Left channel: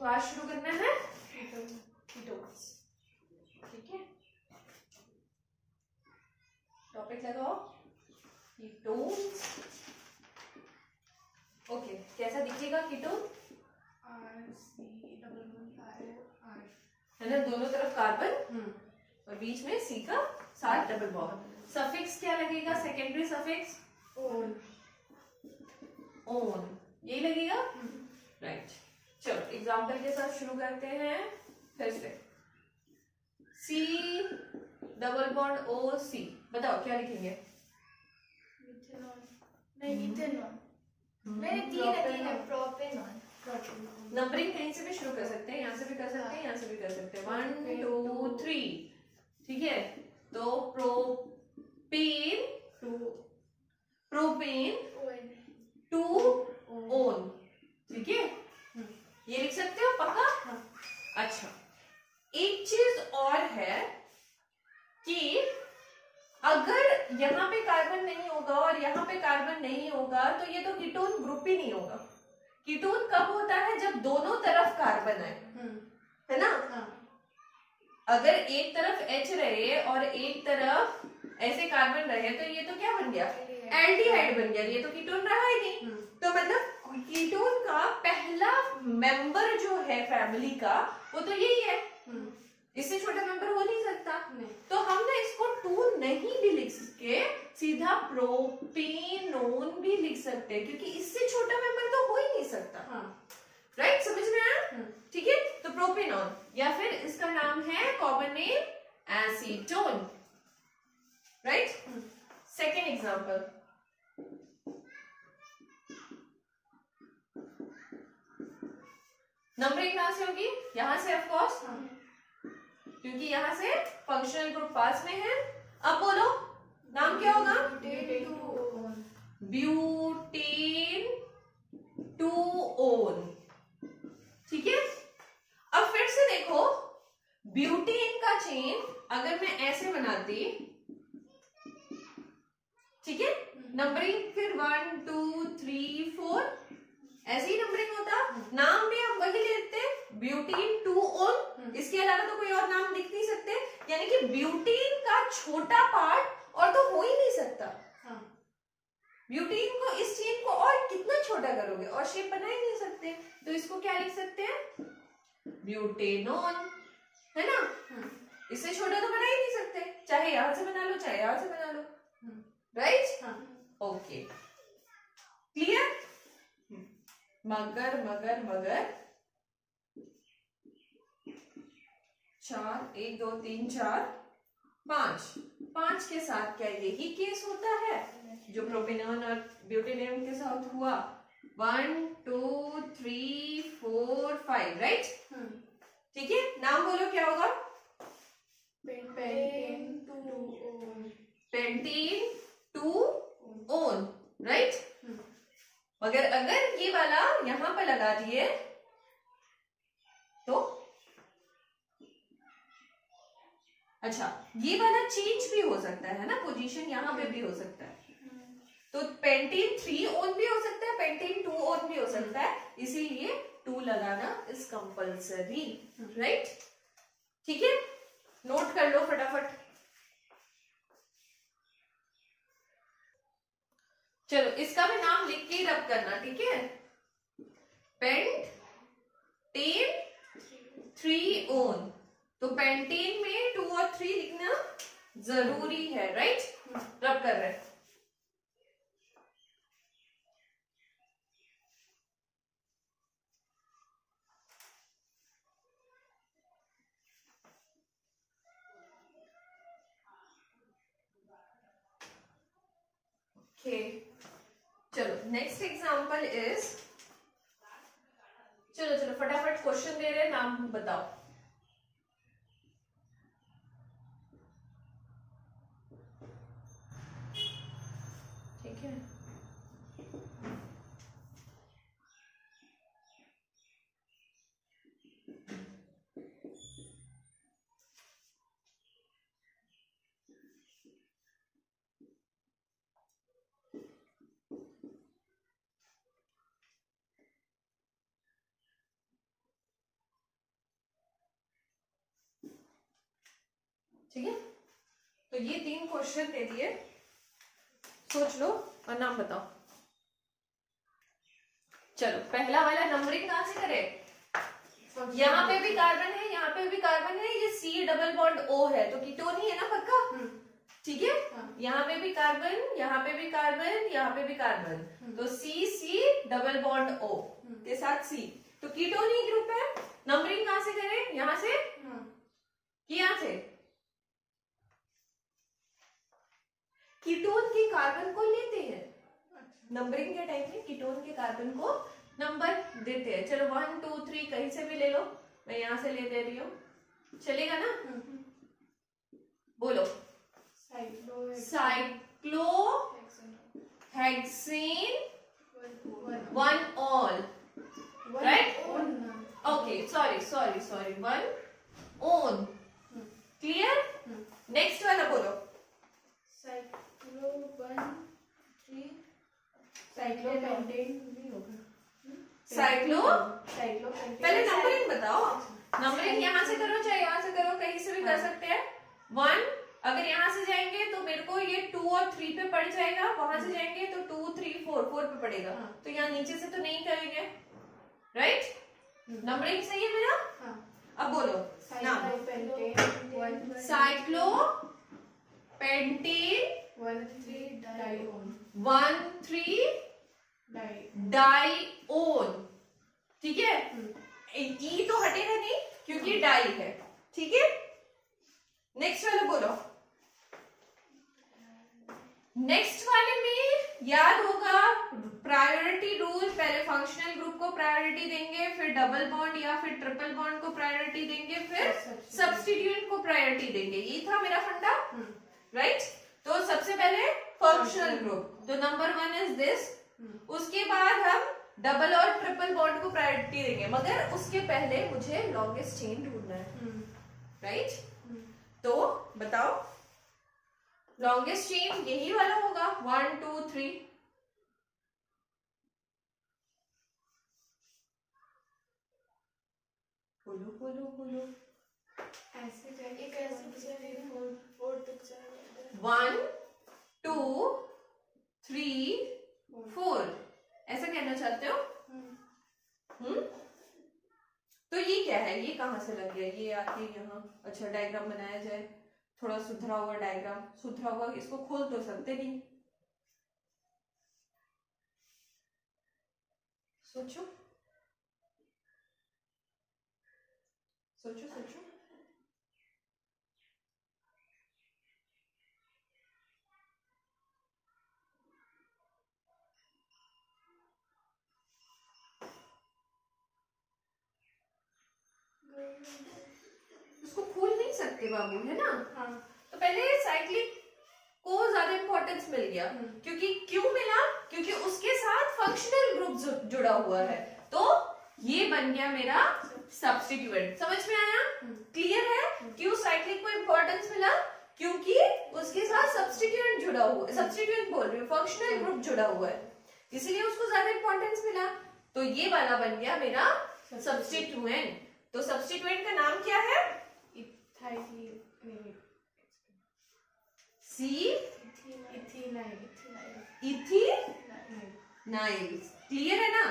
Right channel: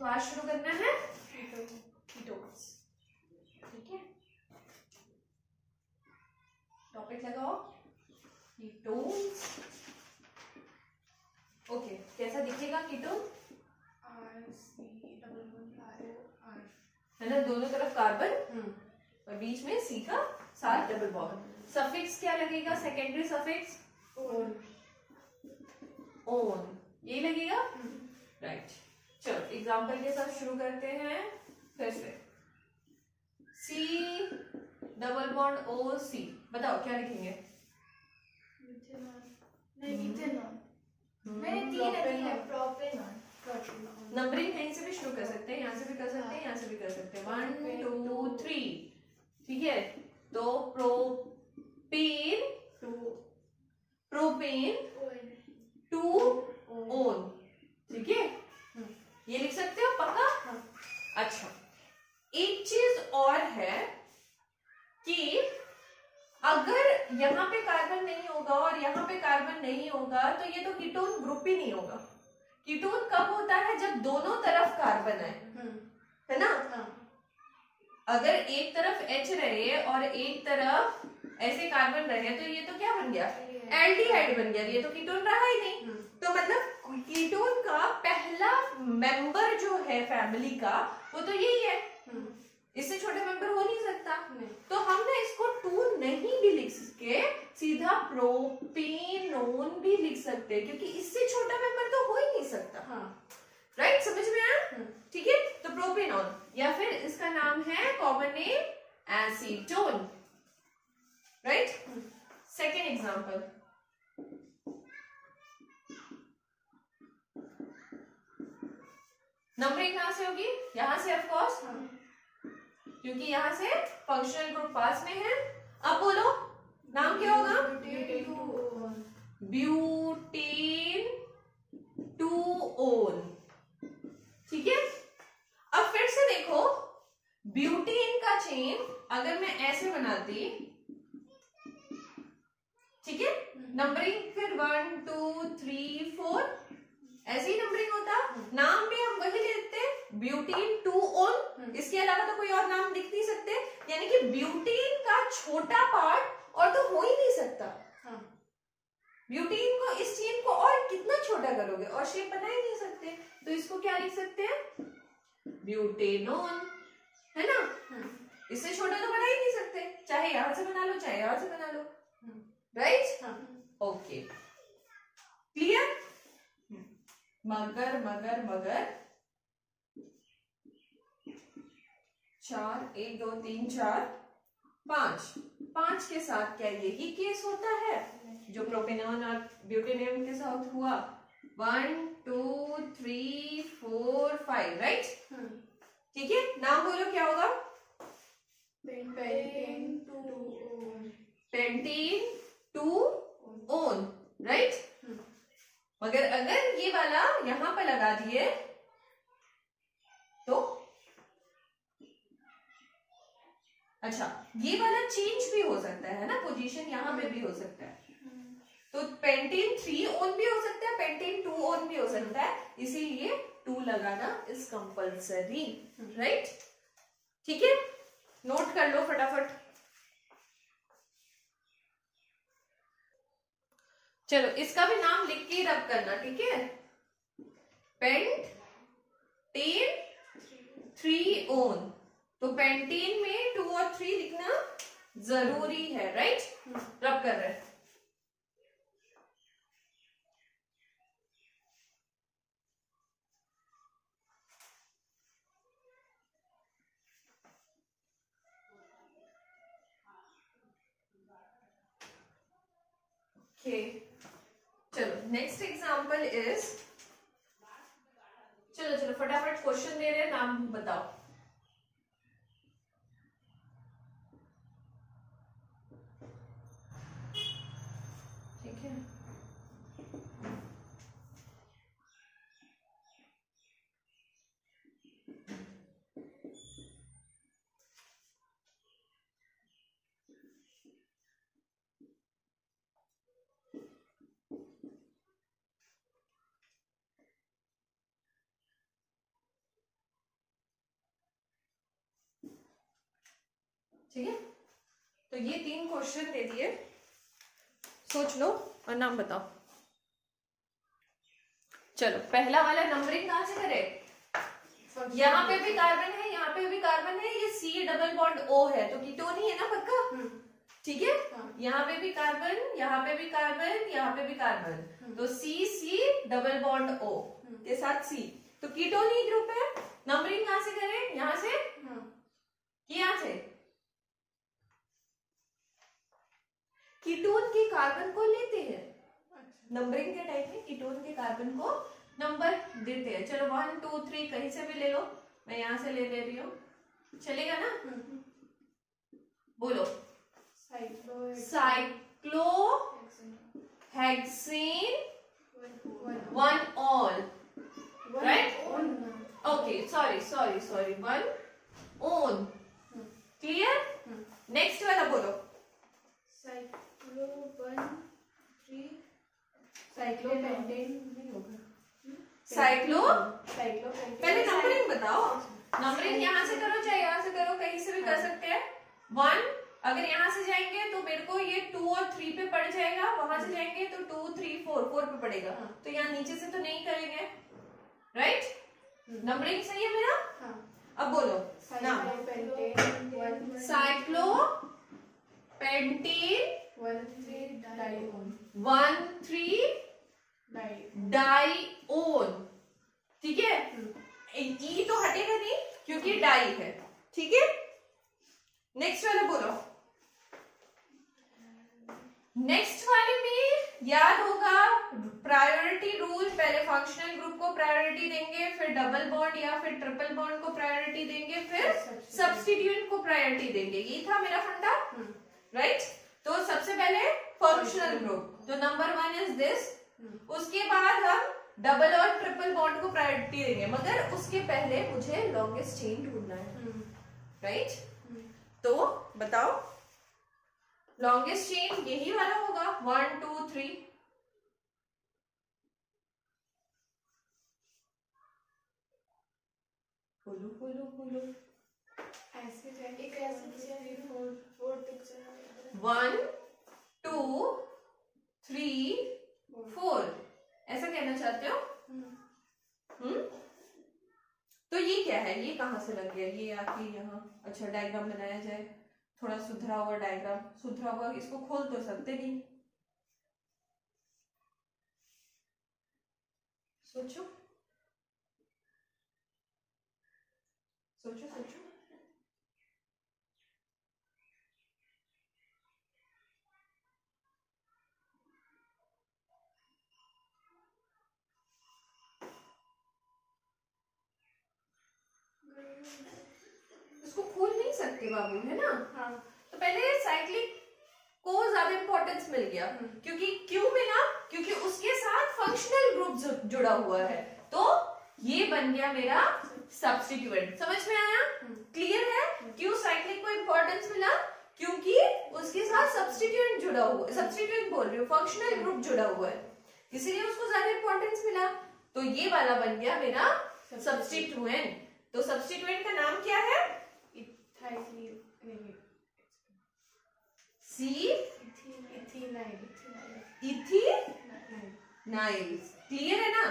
तो आज शुरू करना है कीटोन्स। ठीक है, टॉपिक लगाओ कीटोन्स। ओके, कैसा दिखेगा कीटोन? है ना, दोनों तरफ कार्बन और बीच में सी का साथ डबल बॉन्ड। सफिक्स क्या लगेगा? सेकेंडरी सफिक्स ओन, ओन ये लगेगा। राइट, चलो एग्जांपल के साथ शुरू करते हैं फिर से। सी डबल बॉन्ड ओ सी, बताओ क्या लिखेंगे? नंबरिंग कहीं से भी शुरू कर सकते हैं, यहाँ से भी कर सकते हैं, यहाँ से भी कर सकते हैं। 1 2 3, ठीक है। तो प्रोपेन टू ओन, ठीक है, ये लिख सकते हो पक्का? अच्छा, एक चीज और है कि अगर यहाँ पे कार्बन नहीं होगा और यहाँ पे कार्बन नहीं होगा तो ये तो कीटोन ग्रुप ही नहीं होगा। कीटोन कब होता है? जब दोनों तरफ कार्बन आए, है ना? अगर एक तरफ H रहे और एक तरफ ऐसे कार्बन रहे तो ये तो क्या बन गया? एल्डिहाइड बन गया, ये तो कीटोन रहा ही नहीं। तो मतलब कीटोन का पहला मेंबर जो है फैमिली का वो तो यही है, इससे छोटा मेंबर हो नहीं सकता। तो हम ना इसको 2 नहीं भी लिख सके, सीधा प्रोपेनोन भी लिख सकते हैं, क्योंकि इससे छोटा मेंबर तो हो ही नहीं सकता। राइट, समझ में आया? ठीक है, तो प्रोपेनोन, या फिर इसका नाम है common name acetone. Right, second example. Numbering कहां से होगी? यहां से ऑफ कोर्स, क्योंकि यहां से फंक्शनल ग्रुप पास में है। अब बोलो नाम क्या होगा? ब्यूटेन टू ओन, ठीक है। अब फिर से देखो, ब्यूटेन का चेन अगर मैं ऐसे बनाती, ठीक है, नंबरिंग फिर 1 2 3 4 ऐसे ही नंबरिंग होता, नाम भी हम वही लेते, ब्यूटीन टू ओन, इसके अलावा तो कोई और नाम लिख नहीं सकते। यानी कि ब्यूटीन का छोटा पार्ट और तो हो ही नहीं सकता। ब्यूटीन को, इस चेन को और कितना छोटा करोगे, और शेप बना ही नहीं सकते, तो इसको क्या लिख सकते हैं? ब्यूटेनोन, है ना? इससे छोटे तो बना ही नहीं सकते, चाहे यहां से बना लो चाहे यहां से बना लो। Right, okay, clear? मगर मगर मगर 4 1 2 3 4 5 के साथ क्या यही केस होता है जो प्रोपेनोन और ब्यूटेनोन के साथ हुआ? 1 2 3 4 5, राइट? ठीक है, नाम बोलो क्या होगा? Pentane two own, right? मगर अगर ये वाला यहां पर लगा दिए तो अच्छा, ये वाला चेंज भी हो सकता है ना, पोजीशन यहां पे भी हो सकता है। तो पेंटेन 3 ओन भी हो सकता है, पेंटेन 2 ओन भी हो सकता है, इसीलिए 2 लगाना इज कंपल्सरी। राइट, ठीक है, नोट कर लो फटाफट। चलो इसका भी नाम लिख के ही रब करना, ठीक है? पेंटेन 3 ओन, तो पेंटेन में 2 और 3 लिखना जरूरी है। राइट, रब कर रहे हैं। ओके, चलो नेक्स्ट एग्जांपल इज, चलो चलो फटाफट क्वेश्चन दे रहे हैं, नाम बताओ। ठीक है, ठीक है, तो ये 3 क्वेश्चन दे दिए, सोच लो और नाम बताओ। चलो पहला वाला नंबरिंग कहां से करें? यहाँ पे भी कार्बन है, यहाँ पे भी कार्बन है, ये C डबल बॉन्ड O है, तो कीटोन ही है ना पक्का? ठीक है, यहाँ पे भी कार्बन, यहाँ पे भी कार्बन, यहाँ पे भी कार्बन, तो C डबल बॉन्ड O के साथ C, तो कीटोन ही ग्रुप है। नंबरिंग कहां से करें? यहाँ से कि यहाँ से? कीटोन के कार्बन को लेते हैं, नंबरिंग के टाइम में कीटोन के कार्बन को नंबर देते हैं। चलो 1 2 3 कहीं से भी ले लो, मैं यहां से ले रही हूँ, चलेगा ना? बोलो। Cyclo hexane 1 all, right? Okay, sorry 1 one, clear? Next वाला बोलो। पहले नंबरिंग बताओ, नंबरिंग यहाँ से करो चाहे यहाँ से करो, कहीं से भी कर सकते हैं। 1 अगर यहाँ से जाएंगे तो मेरे को ये 2 और 3 पे पड़ जाएगा, वहां से जाएंगे तो 2 3 4 पे पड़ेगा, तो यहाँ नीचे से तो नहीं करेंगे, राइट? नंबरिंग सही है मेरा? अब बोलो नाम। साइक्लो पेंटेन 1,3 डाइओन, ठीक है? ई तो हटेगा नहीं क्योंकि डाई है, ठीक है? नेक्स्ट वाले बोलो। नेक्स्ट वाले में याद होगा प्रायोरिटी रूल, पहले फंक्शनल ग्रुप को प्रायोरिटी देंगे, फिर डबल बॉन्ड या फिर ट्रिपल बॉन्ड को प्रायोरिटी देंगे, फिर सब्स्टिट्यूएंट को प्रायोरिटी देंगे, ये था मेरा फंडा, राइट? तो सबसे पहले फंक्शनल ग्रुप, तो नंबर 1 इज दिस, उसके बाद हम डबल और ट्रिपल बॉन्ड को प्रायोरिटी देंगे, मगर उसके पहले मुझे लॉन्गेस्ट चेन ढूंढना है, राइट? तो बताओ लॉन्गेस्ट चेन यही वाला होगा 1 2 3, बोलो ऐसे जाके कैसे 4 तक चला 1 2 3 4, ऐसा कहना चाहते हो? तो ये क्या है, ये कहां से लग गया? ये आके यहाँ, अच्छा डायग्राम बनाया जाए, थोड़ा सुधरा हुआ डायग्राम, सुधरा हुआ, इसको खोल तो सकते नहीं, सोचो सोचो सोचो। उसको खोल नहीं सकते बाबू, है ना? तो पहले साइक्लिक को ज्यादा इंपॉर्टेंस मिल गया, क्योंकि क्यों मिला? क्योंकि उसके साथ फंक्शनल ग्रुप जुड़ा हुआ है, तो ये बन गया मेरा सब्स्टिट्यूएंट। समझ में आया? क्लियर है? क्यों साइक्लिक को इंपॉर्टेंस मिला? क्योंकि उसके साथ सब्स्टिट्यूएंट जुड़ा हुआ है, सब्स्टिट्यूएंट बोल रही हूँ, फंक्शनल ग्रुप जुड़ा हुआ है, इसीलिए उसको ज्यादा इंपॉर्टेंस मिला। तो ये वाला बन गया मेरा सब्स्टिट्यूएंट। तो सब्स्टिट्यूएंट का नाम क्या है? इथेनाइल। क्लियर है ना?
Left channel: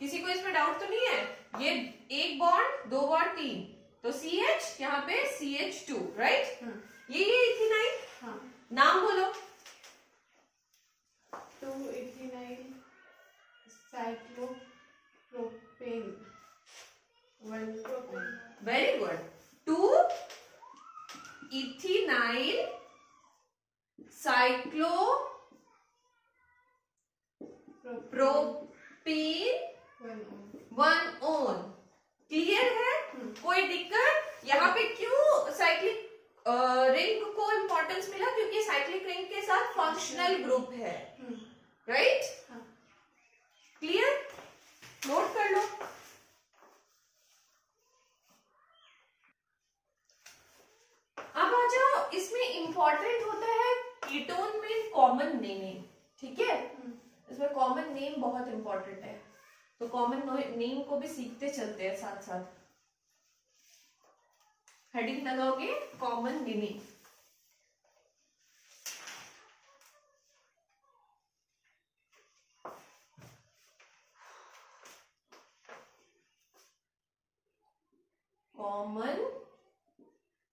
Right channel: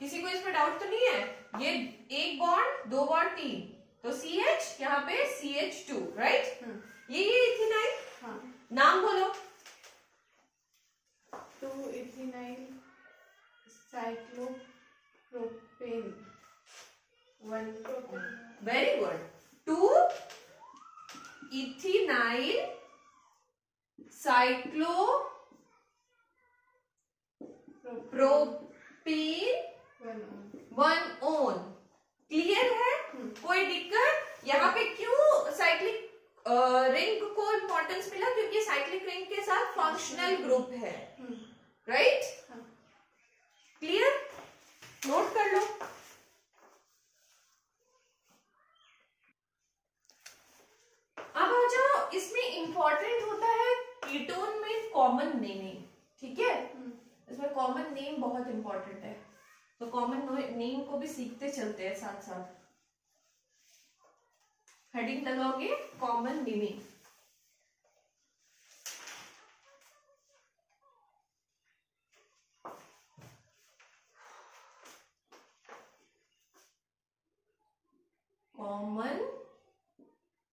किसी को इसमें डाउट तो नहीं है? ये एक बॉन्ड, 2 बॉन्ड, 3, तो CH, यहाँ पे CH2, राइट? ये इथेनाइल। नाम बोलो। Two ethenyl cyclopropane 1 propane. Very good. 2 ethenyl cyclopropane 1 one. Clear है? कोई दिक्कत? यहाँ पे क्यों साइक्लिक रिंग को इंपॉर्टेंस मिला? क्योंकि साइक्लिक रिंग के साथ फंक्शनल ग्रुप है, राइट? क्लियर? नोट कर लो। अब आ जाओ, इसमें इंपॉर्टेंट होता है कीटोन में कॉमन नेम, ठीक है? इसमें कॉमन नेम बहुत इंपॉर्टेंट है, तो कॉमन नेम को भी सीखते चलते हैं साथ साथ। हेडिंग लगाओगे common naming. Common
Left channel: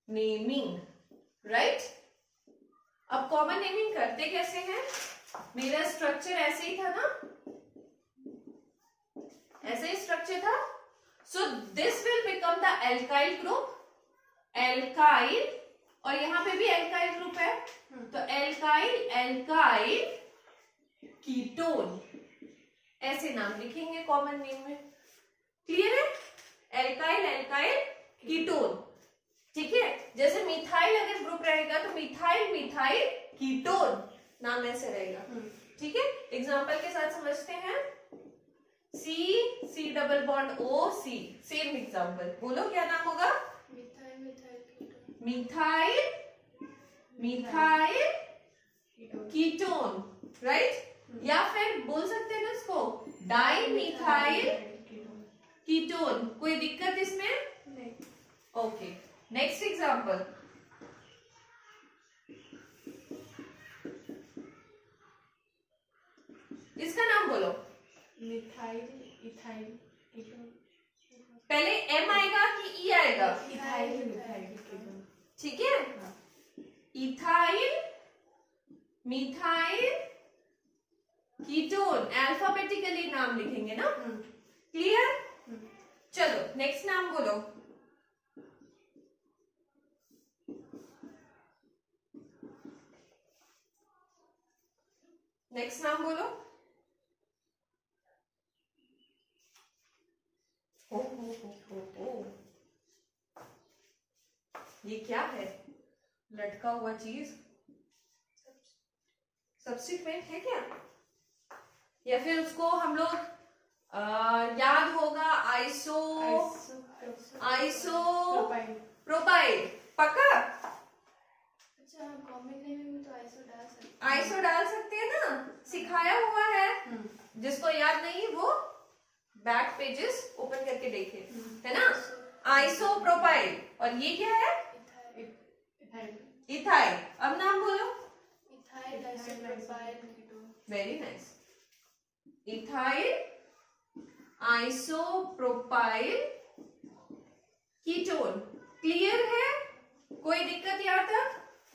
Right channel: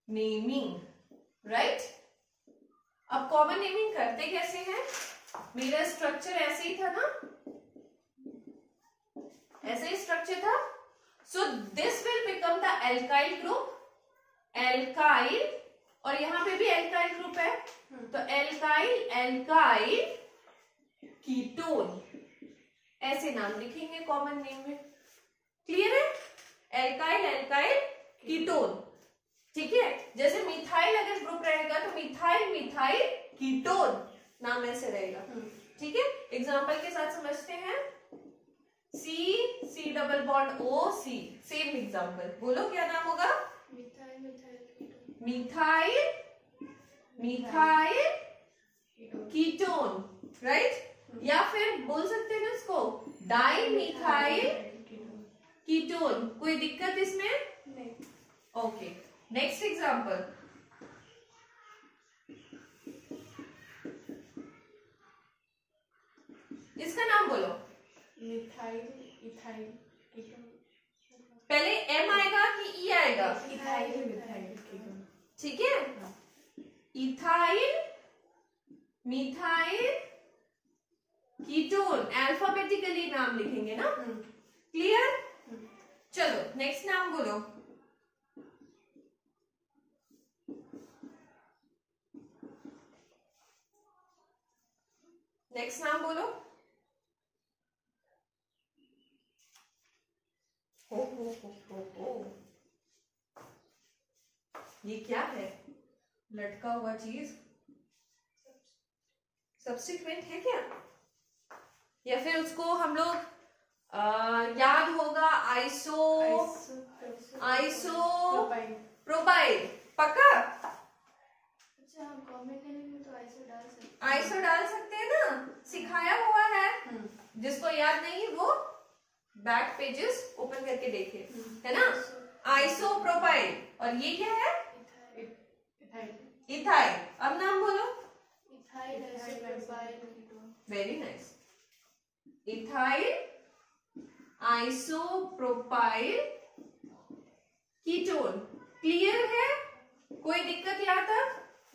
naming, right. अब कॉमन नेमिंग करते कैसे हैं? मेरा स्ट्रक्चर ऐसे ही था ना, ऐसे ही स्ट्रक्चर था। So this will become the alkyl group, alkyl, और यहां पे भी एल्काइल ग्रुप है, तो एल्काइल, एल्काइल कीटोन, ऐसे नाम लिखेंगे कॉमन नेम में। क्लियर है? एल्काइल, एल्काइल कीटोन, ठीक है। जैसे मिथाइल अगर ग्रुप रहेगा तो मिथाइल, मिथाइल कीटोन नाम ऐसे रहेगा, ठीक है। एग्जांपल के साथ समझते हैं। C double bond O C, same example, बोलो क्या नाम होगा? Methyl, methyl methyl, methyl ketone, right. या फिर बोल सकते हैं ना इसको डाई मिथाइल कीटोन। कोई दिक्कत इसमें? नहीं। Okay, next example. इसका नाम बोलो। Methyl, ethyl ketone. पहले M आएगा कि E आएगा? इथाइल, मिथाइल कीटोन, ठीक है। इथाइल, मिथाइल कीटोन, अल्फाबेटिकली नाम लिखेंगे ना। क्लियर? चलो नेक्स्ट नाम बोलो। नेक्स्ट नाम बोलो। हो। ये क्या है? लटका हुआ चीज सब्स्टिट्यूएंट है क्या? या फिर उसको हम लोग याद होगा आइसो प्रोपाइल, पक्का? अच्छा, कॉमन नेम में तो आइसो डाल सकते हैं। आइसो डाल सकते हैं ना, सिखाया हुआ है। जिसको याद नहीं वो बैक पेजेस ओपन करके देखे, है ना। आइसो प्रोपाइल, और ये क्या है? इथाइल। अब नाम बोलो। Ethyl, isopropyl ketone. Very nice. Ethyl isopropyl ketone. Clear है? कोई दिक्कत यहाँ तक?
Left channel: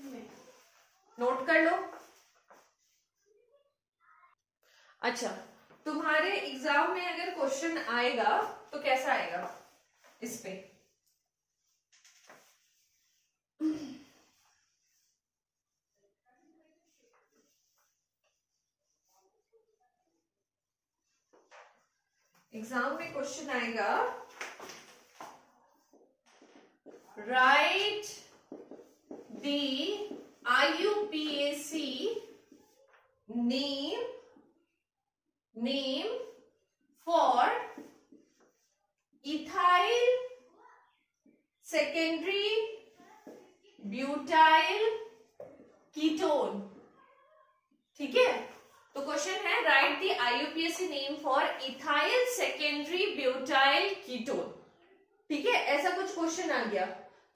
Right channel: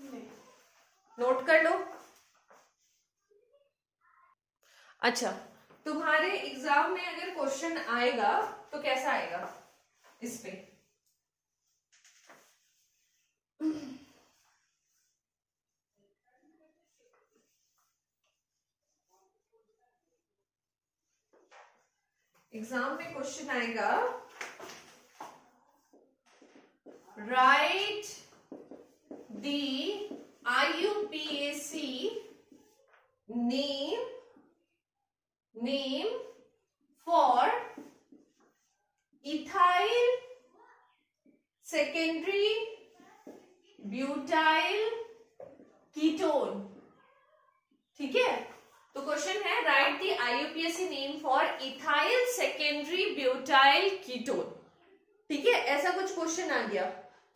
नहीं। नोट कर लो। अच्छा, तुम्हारे एग्जाम में अगर क्वेश्चन आएगा तो कैसा आएगा इस पे? एग्जाम में क्वेश्चन आएगा, right the IUPAC name for ethyl secondary butyl ketone, ठीक है। तो क्वेश्चन है right the IUPAC name for ethyl secondary butyl ketone, ठीक है। ऐसा कुछ क्वेश्चन आ गया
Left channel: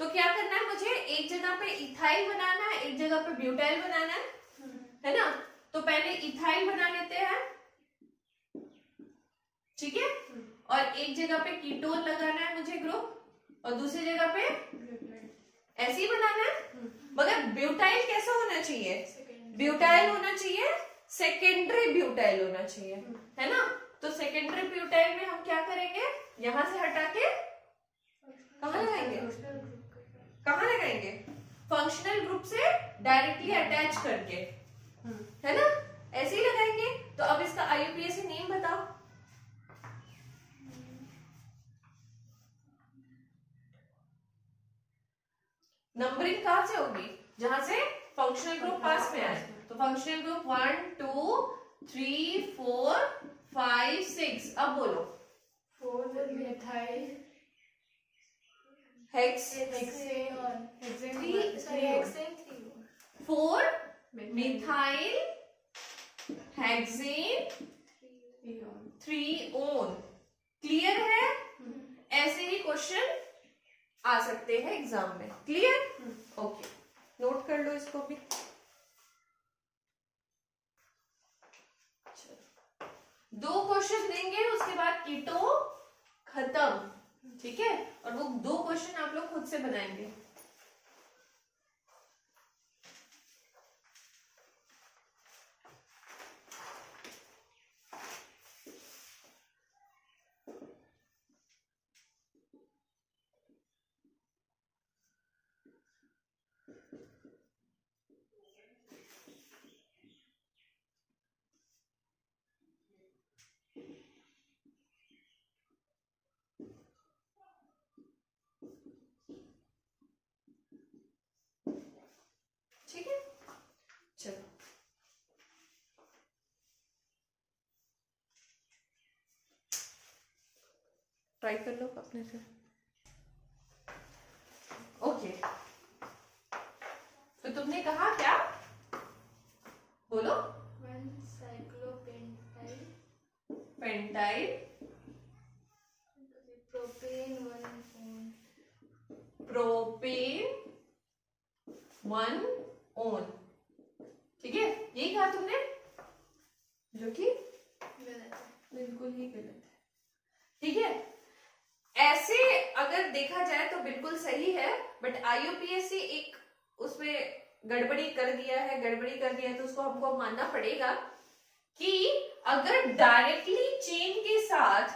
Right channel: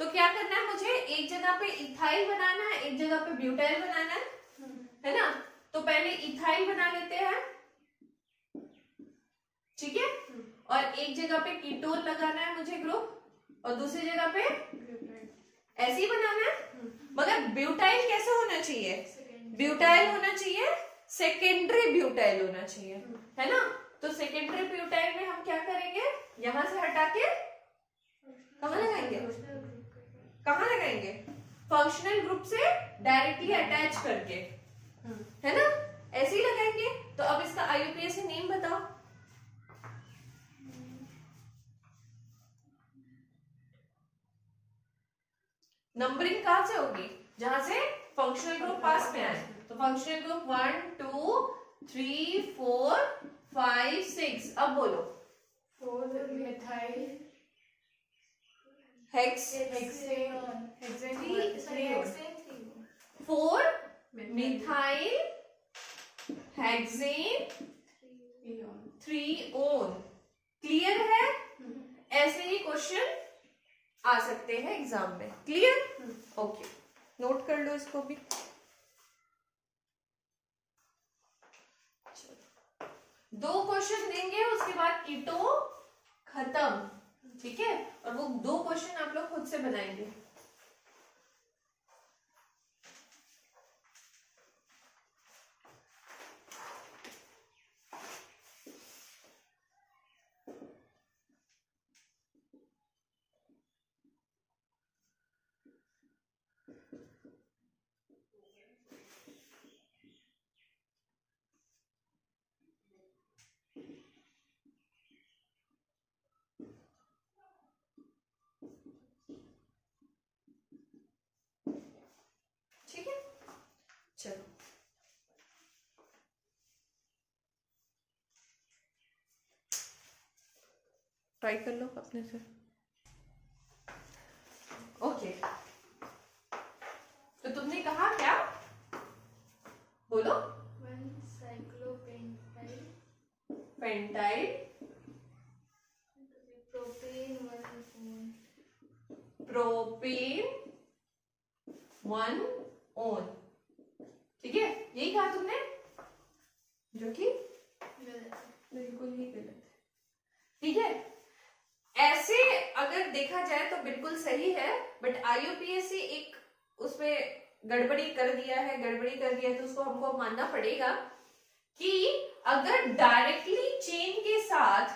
तो क्या करना है मुझे? एक जगह पे इथाइल बनाना है, एक जगह पे ब्यूटाइल बनाना है ना। तो पहले इथाइल बना लेते हैं, ठीक है। और एक जगह पे कीटोन लगाना है मुझे ग्रुप, और दूसरी जगह पे ऐसे ही बनाना है। मगर ब्यूटाइल कैसे होना चाहिए? ब्यूटाइल होना चाहिए, सेकेंडरी ब्यूटाइल होना चाहिए, है ना। तो सेकेंडरी ब्यूटाइल में हम क्या करेंगे? यहां से हटा के कहां लगाएंगे? कहां लगाएंगे? फंक्शनल ग्रुप से डायरेक्टली अटैच करके, है ना, ऐसे ही लगाएंगे। तो अब इसका IUPAC नेम बताओ। नंबरिंग कहां से होगी? जहां से फंक्शनल ग्रुप पास में आए। तो फंक्शनल ग्रुप 1 2 3 4 5 6। अब बोलो। 4 methyl hexane 4 methyl hexane 3 own. Clear है? ऐसे ही क्वेश्चन आ सकते हैं एग्जाम में। क्लियर? ओके, नोट कर लो इसको भी। दो क्वेश्चन देंगे उसके बाद कीटो खत्म, ठीक है, और वो 2 क्वेश्चन आप लोग खुद से बनाएंगे। ठीक है, चलो ट्राई कर लो अपने से। ओके, तो तुमने कहा क्या, बोलो। 1 साइक्लोपेंटाइल पेंटाइल प्रोपेन 1 प्रोपेन 1 ओन, ठीक है, यही कहा तुमने, जो कि बिल्कुल ही गलत है। ठीक है, ऐसे अगर देखा जाए तो बिल्कुल सही है, बट IUPAC एक उसमें गड़बड़ी कर दिया है तो उसको हमको मानना पड़ेगा कि अगर डायरेक्टली चेन के साथ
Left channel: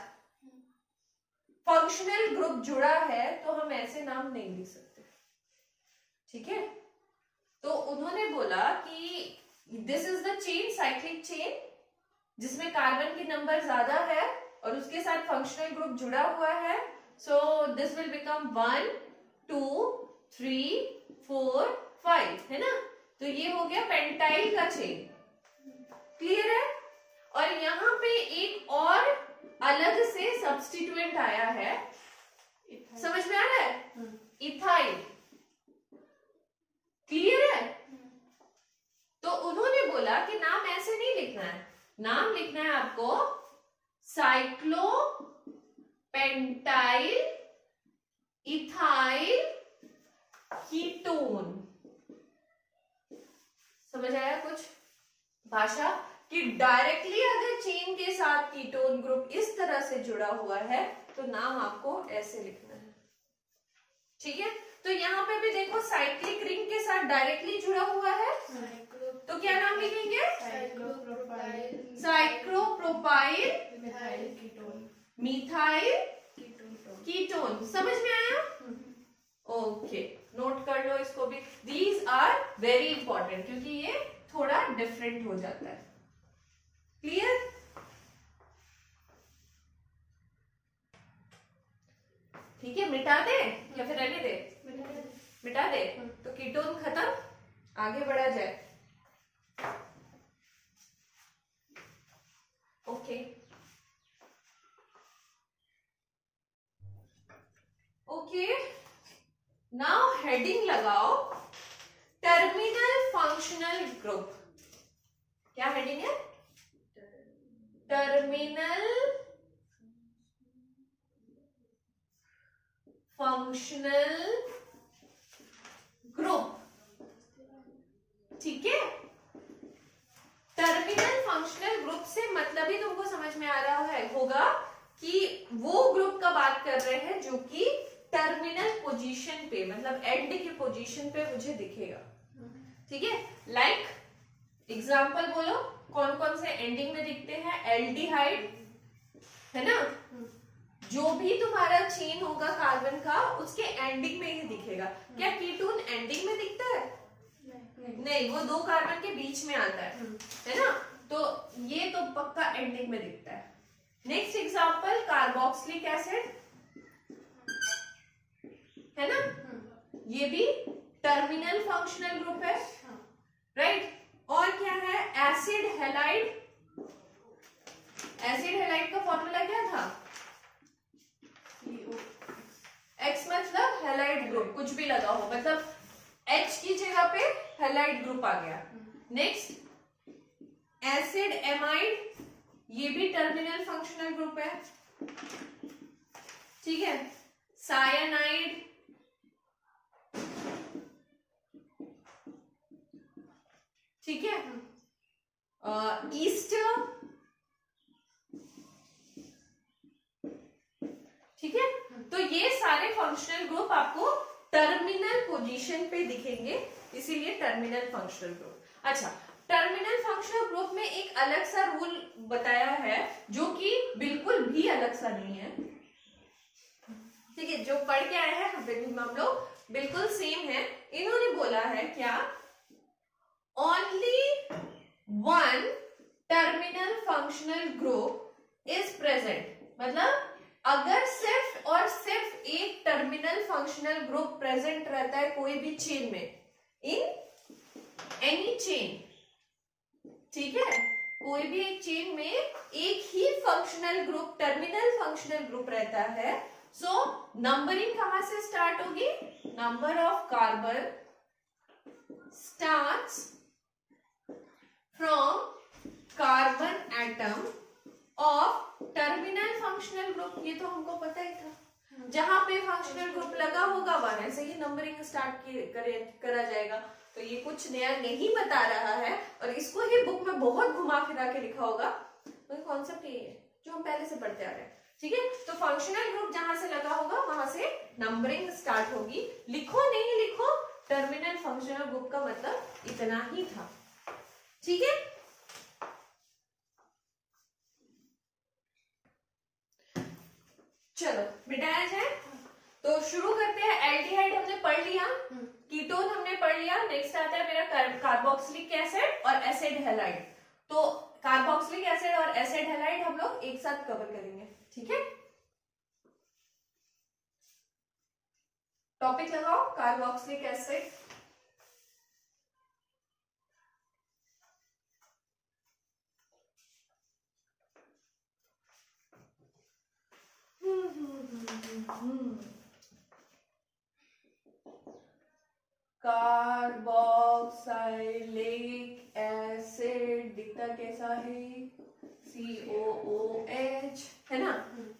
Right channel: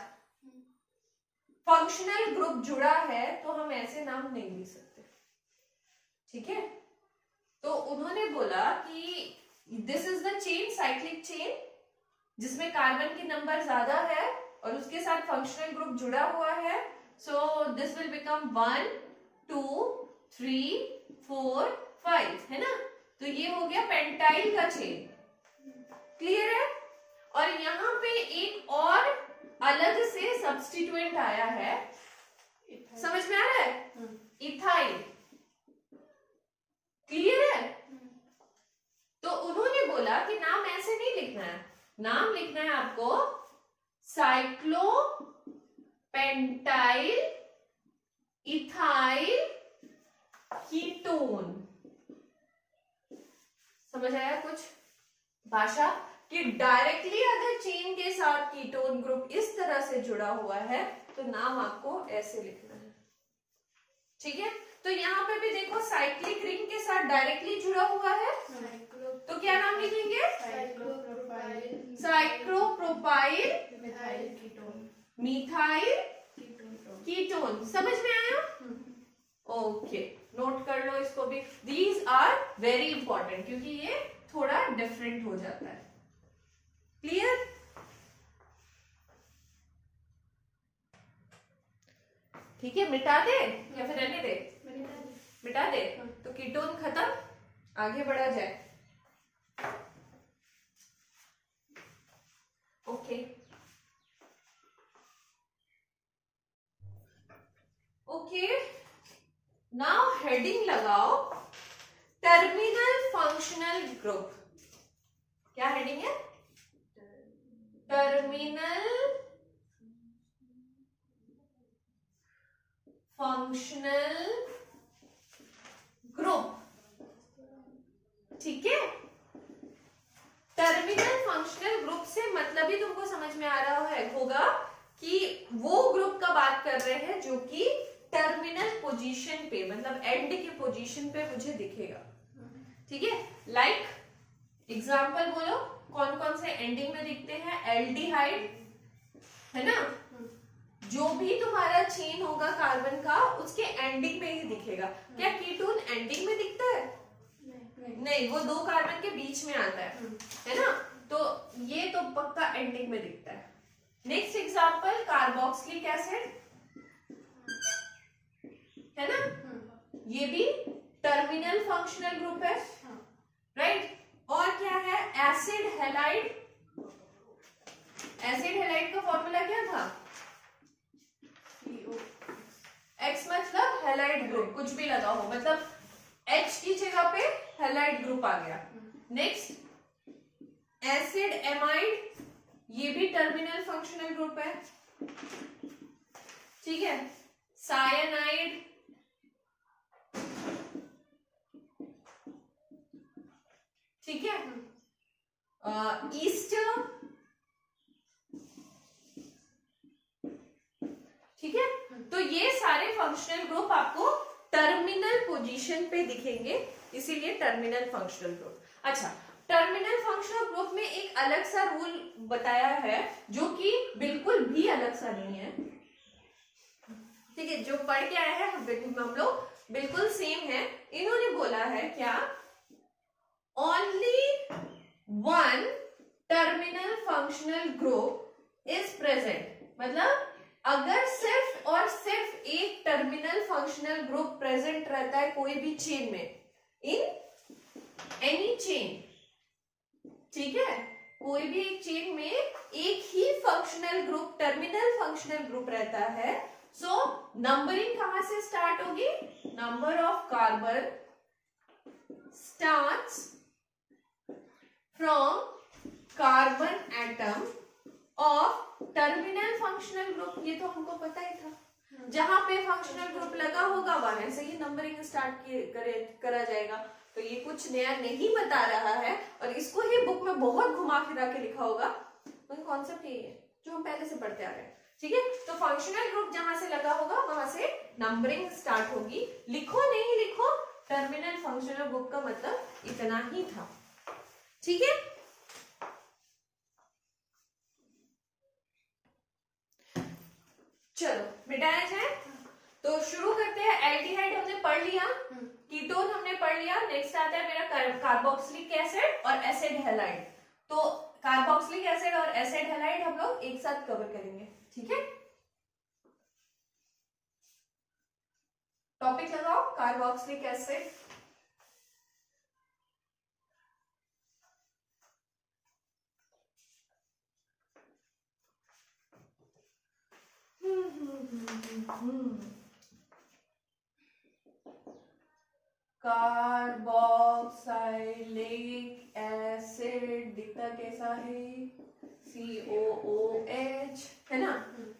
फंक्शनल ग्रुप जुड़ा है तो हम ऐसे नाम नहीं लिख सकते। ठीक है, तो उन्होंने बोला कि this is the chain, cyclic chain, जिसमें कार्बन की नंबर ज्यादा है और उसके साथ फंक्शनल ग्रुप जुड़ा हुआ है। सो दिस विल बिकम 1 2 3 4 5, है ना। तो ये हो गया पेंटाइल का चेन, क्लियर है। और यहाँ पे एक और अलग से सब्स्टिट्यूएंट आया है, समझ में आ रहा है, इथाइल, क्लियर है। तो उन्होंने बोला कि नाम ऐसे नहीं लिखना है, नाम लिखना है आपको साइक्लो पेंटाइल इथाइल कीटोन। समझ आया कुछ भाषा, कि डायरेक्टली अगर चेन के साथ कीटोन ग्रुप इस तरह से जुड़ा हुआ है तो नाम आपको ऐसे लिखना है। ठीक है, तो यहाँ पे भी देखो साइक्लिक रिंग के साथ डायरेक्टली जुड़ा हुआ है, तो क्या नाम लिखेंगे, साइक्लोप्रोपाइल मिथाइल कीटोन। समझ में आया, ओके, नोट कर लो इसको भी। दीज आर वेरी इंपॉर्टेंट क्योंकि ये थोड़ा डिफरेंट हो जाता है, क्लियर। ठीक है, मिटा दे या फिर रहने दे, मिटा दे, तो कीटोन खत्म, आगे बढ़ा जाए। ओके ओके, नाउ हेडिंग लगाओ, टर्मिनल फंक्शनल ग्रुप। क्या हेडिंग है, टर्मिनल फंक्शनल ग्रुप। ठीक है, टर्मिनल फंक्शनल ग्रुप से मतलब ही तुमको समझ में आ रहा है होगा कि वो ग्रुप का बात कर रहे हैं जो कि टर्मिनल पोजीशन पे, मतलब एंड की पोजीशन पे मुझे दिखेगा। ठीक है, लाइक एग्जांपल बोलो, कौन कौन से एंडिंग में दिखते हैं, एल्डिहाइड, है ना, जो भी तुम्हारा चेन होगा कार्बन का उसके एंडिंग में ही दिखेगा। क्या कीटोन एंडिंग में दिखता है, नहीं, वो 2 कार्बन के बीच में आता है ना, तो ये तो पक्का एंडिंग में दिखता है। नेक्स्ट एग्जांपल, कार्बोक्सिलिक एसिड, है ना, ये भी टर्मिनल फंक्शनल ग्रुप है, राइट। और क्या है, एसिड हैलाइड, एसिड हैलाइड का फॉर्मूला क्या था, X मतलब हैलाइड ग्रुप, कुछ भी लगा हो, मतलब H की जगह पे हैलाइड ग्रुप आ गया। नेक्स्ट एसिड एमाइड, ये भी टर्मिनल फंक्शनल ग्रुप है। ठीक है, साइनाइड, ठीक है, ईस्टर, ठीक है। तो ये सारे फंक्शनल ग्रुप आपको टर्मिनल पोजीशन पे दिखेंगे, इसीलिए टर्मिनल फंक्शनल ग्रुप। अच्छा, टर्मिनल फंक्शनल ग्रुप में एक अलग सा रूल बताया है जो कि बिल्कुल भी अलग सा नहीं है, ठीक है। जो पढ़ के आए हैं हम लोग बिल्कुल सेम है। इन्होंने बोला है क्या, only one terminal functional group is present, मतलब अगर सिर्फ और सिर्फ एक टर्मिनल फंक्शनल ग्रुप प्रेजेंट रहता है कोई भी चेन में, इन एनी चेन, ठीक है, कोई भी एक चेन में एक ही functional group terminal functional group रहता है, सो नंबरिंग कहां से स्टार्ट होगी, number of carbon starts from carbon atom of terminal functional group. ये तो हमको पता ही था, जहां पे फंक्शनल ग्रुप लगा होगा वहां से ही नंबरिंग स्टार्ट करा जाएगा। तो ये कुछ नया नहीं बता रहा है, और इसको ही बुक में बहुत घुमा फिरा के लिखा होगा। तो कॉन्सेप्ट यही है जो हम पहले से पढ़ते आ रहे हैं, ठीक है। तो फंक्शनल ग्रुप जहां से लगा होगा वहां से नंबरिंग स्टार्ट होगी। लिखो नहीं लिखो, टर्मिनल फंक्शनल ग्रुप का मतलब इतना ही था, ठीक है। चलो मिटाया जाए, तो शुरू करते हैं। एल्डिहाइड हमने पढ़ लिया, कीटोन हमने पढ़ लिया, नेक्स्ट आता है मेरा कार्बोक्सिलिक एसिड और एसिड हैलाइड। तो कार्बोक्सिलिक एसिड और एसिड हैलाइड हम लोग एक साथ कवर करेंगे, ठीक है। टॉपिक लगाओ, कार्बोक्सिलिक एसिड। कार्बोक्सिलिक एसिड दिखता कैसा है, COOH है ना,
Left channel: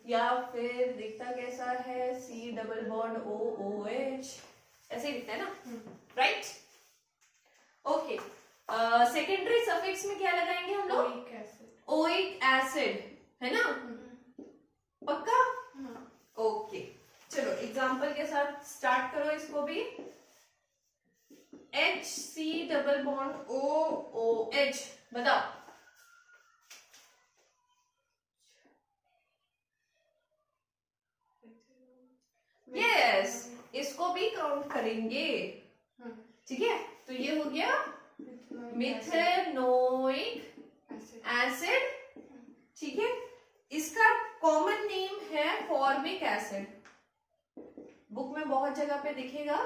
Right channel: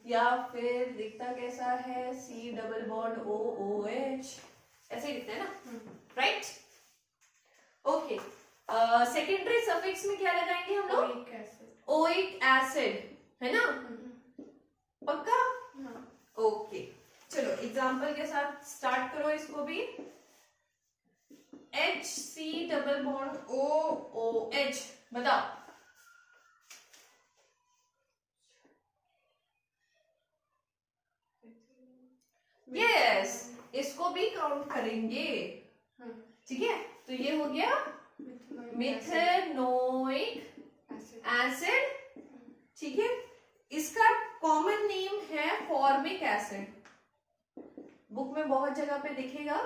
या फिर दिखता कैसा है, C डबल बॉन्ड OOH, ऐसे दिखता है ना, राइट। ओके, सेकेंडरी सफिक्स में क्या लगाएंगे हम लोग, ओइक एसिड, है ना, पक्का। ओके, चलो एग्जांपल के साथ स्टार्ट करो इसको भी। HC डबल बॉन्ड OOH, बताओ। यस, इसको भी काउंट करेंगे, ठीक है। तो ये हो गया मिथेनोइक एसिड, ठीक है। इसका कॉमन नेम है फॉर्मिक एसिड, बुक में बहुत जगह पे दिखेगा,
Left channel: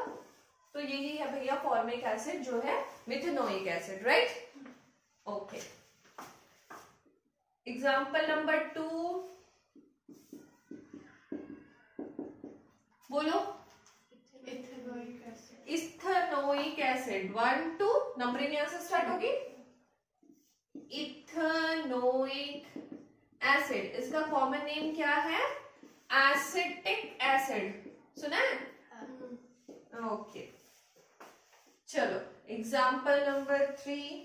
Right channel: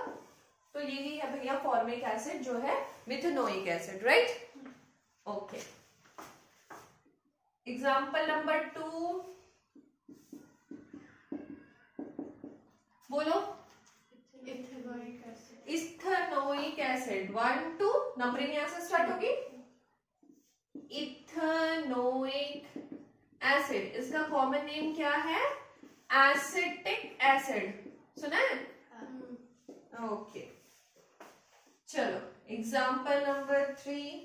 तो यही है भैया फॉर्मिक एसिड जो है methanoic acid, right. Okay, example number 2 बोलो। इथेनोइक एसिड, 1 2 नंबरिंग यहां से स्टार्ट होगी। इथेनोइक एसिड, इसका कॉमन नेम क्या है, एसिटिक एसिड, सुना है। ओके, चलो एग्जाम्पल नंबर 3,